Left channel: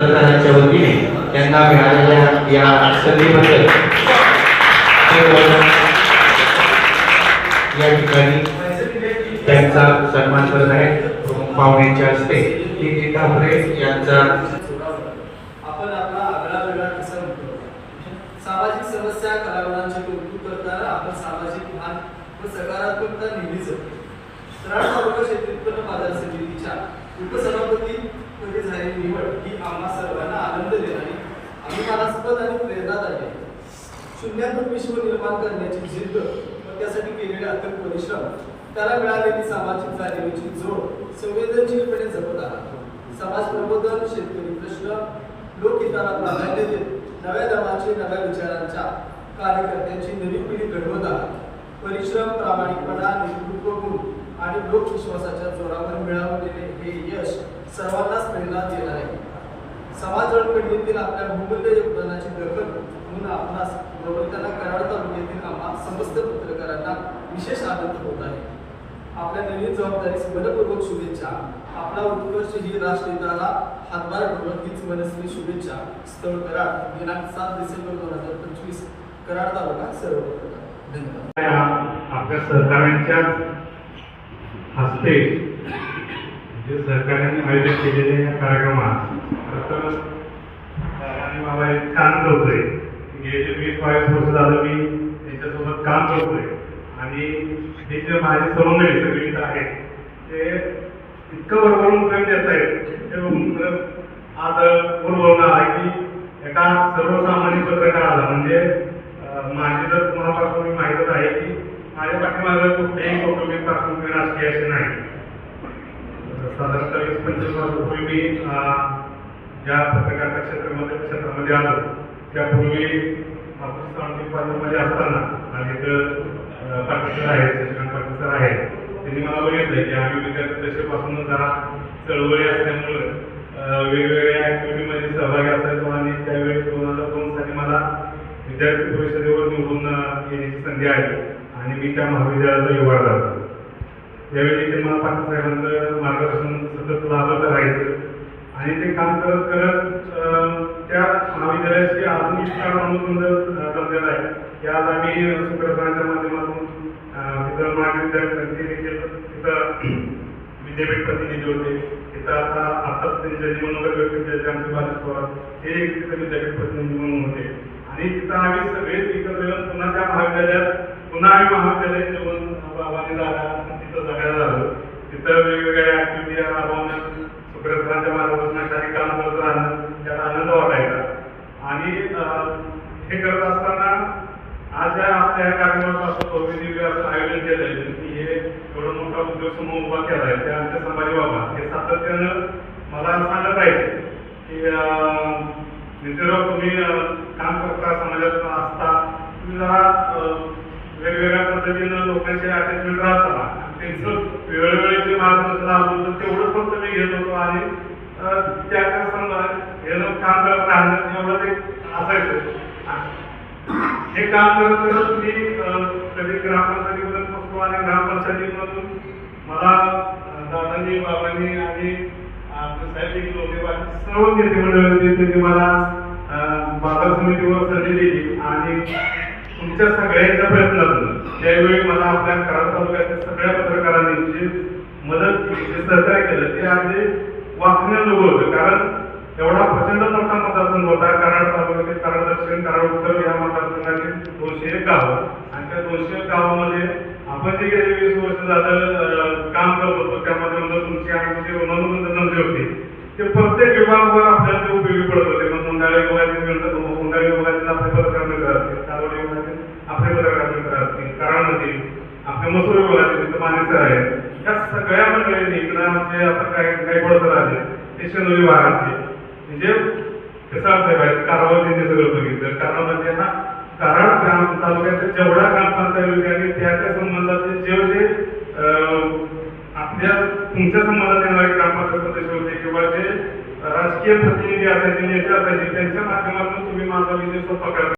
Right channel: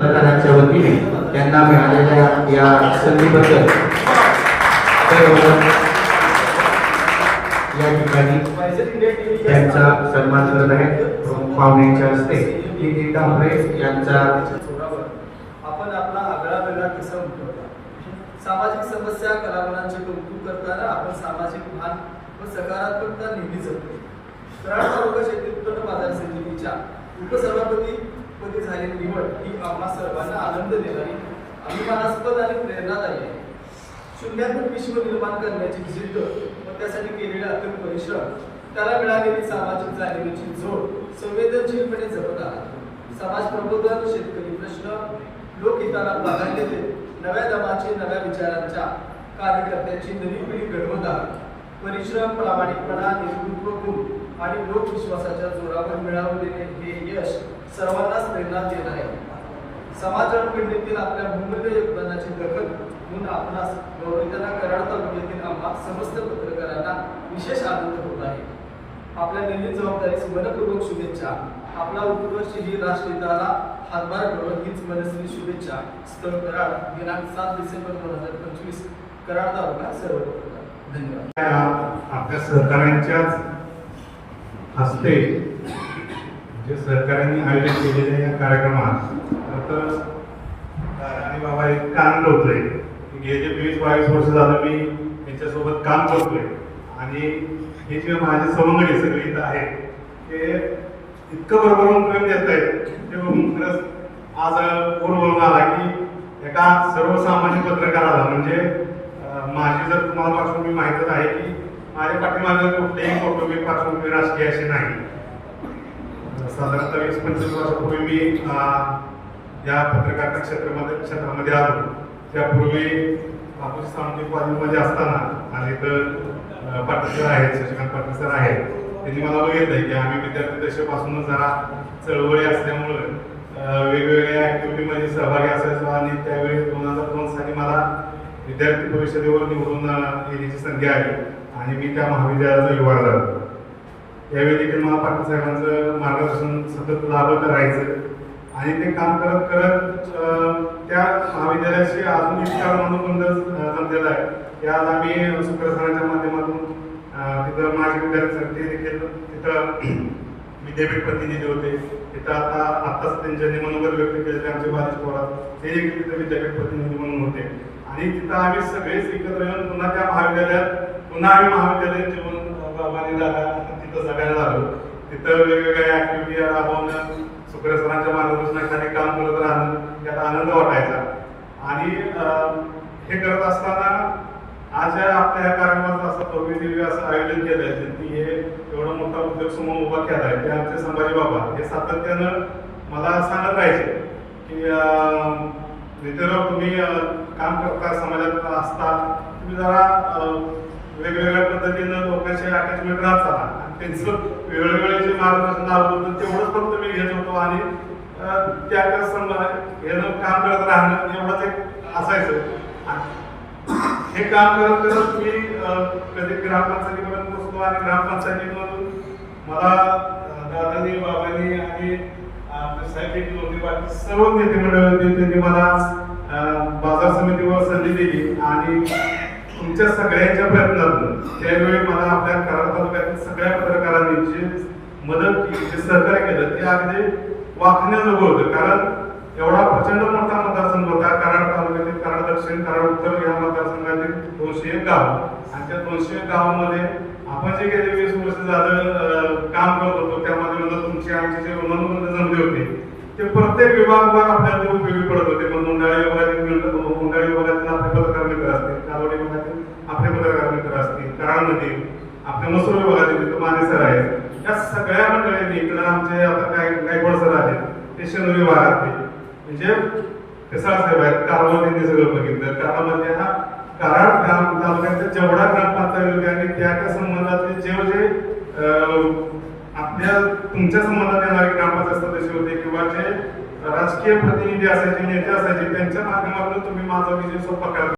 सरकाराच्या वतीने त्यांना मिळालेल्या या संधीबद्दल या ठिकाणी त्यांचा सन्मान करत आहे प्रमुख पाहुण्यांच्या हस्ते टी तांबरे यांचा आपण आपला आगळा वेगळा किस्सा उठवला सामाजिक समस्या कलावरांची कौतुक करताना आपण सामाजिक भान व सकारात्मकता नेहमी जपतो कराड तालुका शेती उत्पन्न बाजार समितीच्या उपसभापती निवड ही आम्हा सर्वांना आनंद देणारी अभिमानास्पद आणि प्रेरणादायी आहे. शून्यातून विश्व निर्माण करण्याची जिद्द व त्यासाठी केलेले अथक परिश्रम त्याला मिळालेली सामाजिक जाणीवेची जोड संवेदनशीलपणे जपत आला. समाज प्रबोधन शेतकरी प्रश्न लोकहिताला प्राधान्य देत नव्या दमाची नव्या विचारांच्या कार्यकर्त्यांची नवी पिढी घडवत आला. परिश्रम प्रामाणिकपणा नेतृत्व गुण लोकविश्वासाच्या जोरावर मिळवलेले हे यश सर्वांनाच प्रेरणा देणार आहे. समाज पंडितील आपल्या बहुमूल्य योगदानाची दखल म्हणून आपणास गौरवताना कराड तालुक्यातील आम्हा समस्त पत्रकारांना विशेष आनंद होत आहे. आपल्या नवीन जबाबदारीस मनपूर्वक शुभेच्छा. आपला उत्कर्ष ही राष्ट्रहिताला हातभार करून हीच मनस्वी शुभेच्छा. स्थळ कराड दिनांक सात डिसेंबर दोन हजार पंचवीस. कराड तालुका सर्व धन्यवाद. आपल्या सहकाऱ्यांच्याच हस्ते जे सरकारने आयोजित केलेल्या या कार्यक्रमात खरं तर आणि बाबा एक काम करतोय. गेले वीस बावीस वर्ष झालं मी त्यांच्यासोबत काम करतोय. आणि हे जे माझे सवंगडी सगळे इथं आहेत ते इतकं बरोबर उपयोग देत आहेत. ते खरंच आज पूर्ववरून आला की एका सर्वसामान्य पत्रकाराला म्हणजे माझी जर तुम्हाला पार्श्वभूमी माहीतच आहे की माझ्या पाठीमागं कुठलीही कौटुंबिक पार्श्वभूमी राजकीय असे नाही. साधारणतः वीस पंचवीस वर्षापूर्वी मी या पत्रकारिता क्षेत्रामध्ये क्षेत्रामध्ये आलो. त्यापूर्वी आपण सांगली कॉलेजमध्ये असताना आणि पाटील सर आहेत शशिकांत पाटील सर आहेत. त्यांनी मला बघितलं की आम्ही विद्यार्थी दशेपासूनच जरा चळवळी असल्यामुळं वेगवेगळ्या ऍक्टिव्हिटीमध्ये सहभागी असायचो आणि त्यावेळी दोन हजार दोन साली मला विद्यार्थी परिषदेवर निवडून येण्याची संधी आली. आणि मी त्या महाविद्यालयाचा युवा झालो. त्यावेळी देखील मला पाटील साहेबांचं मार्गदर्शन सतत लाभत राहायचं. आणि ते काम करत करत त्या महाविद्यालयाशी अजून इतका माणूस अं, जमलेला आहे. की आज आम्ही सुप्रसनाच्या माध्यमातून तिथं माझे विद्यार्थी देखील तिथं विद्यापीठ प्रतिनिधी होते. तिथं आता आताच त्यांच्या मनोगत व्यक्त केले आमचे बालच पवार हे देखील तिथं विद्यापीठ प्रतिनिधी म्हणून होते. आणि तिथं आम्ही सगळेच एकत्र येऊन पुन्हा त्या महाविद्यालयात पुन्हा आम्ही महाविद्यालयात जेवण बाबांनी दादा तिथं सगळ्यांना झालो तिथं वेगवेगळ्या ऍक्टिव्हिटी राबवणं सुक्रेसरांच्या सरांच्या मार्गदर्शनाखाली काम करत राहणं त्याला आनंद वाटायचा. आणि हे करत असताना आज या आपल्या ह्या कार्यक्रमाचं असं भव्य असं आयोजन केलं आहे की हे एवढा मोठा उद्योग समूह उभा केला आहे. ते आमचे संभाजी बाबा हे सातत्यानं मला सांगत पाहिजे की अं, नितीनराव तुम्ही काम करता समाजात असता तुम्ही जरा वेगवेगळ्या पद्धतीनं लोकांशी अटॅचमेंट राहत चला. आणि त्यांचं वेळोवेळी जे मार्गदर्शन लाभलं होतं तेवढंच फक्त मी घेत होतो. आणि त्या त्या समजा हे काम करत राहणं एवढंच एक असायचं. हे काम करत करत मी कधी ग्रामपंचायतीमध्ये पोहोचलो आणि ग्रामपंचायतीमधून मला दादाजी बाबांनी आणि साहेब होते बाकी सर्व नेते मंडळी होते. त्यांनी मला बाजार समितीवर संधी दिली. आणि तुमच्या सगळ्यांच्या प्रयत्नातून त्यावेळी मला आपल्या कराड तालुक्यातील सगळ्या पत्रकारांनी जे मदत केली जे सहकार्य केलं ते अगदी वाचण्याजोगं होतं. कारण एवढा प्रचंड मोठा मतदारसंघ होता. कराड तालुक्यातील कराड दक्षिण कराड उत्तर या मतदारसंघातील दोनशे एक गाव. आणि त्या दोनशे एक गावामध्ये आपण जे गेले वीस वर्ष झालं काम करत होतो. त्यामध्ये म्हणजे तुमची आमची जे ऋणानुबंध जमली होती ते प्रत्येक विभागवर आपल्याला उपयोगी पडत होते. मग मुंडाळी विभागातील मुंडाळी विभागातील असतील आपल्या मसूर विभागातील तिथं माने सर आहेत. या सगळ्या मंडळींनी इकडं आमचे आता काय गायकवाड सर आले ते शेंदुरी भागातले. म्हणजे पेसाळ साहेब आहेत कारवार त्यांनी सगळं बघितलं. कारण म्हणजे हा कराड ग्राम तालुक्याच्या जेवढ्या ग्रामपंचायत आणि त्या त्या संबंधातले जे जे आपल्या तुमच्या संबंधात येणारे ग्रामपंचायत सदस्य होते किंवा जे राजकीय प्रतिनिधी असायचे नेते असायचे त्यांच्या माध्यमातून तुम्ही माझा विजय सोपा करा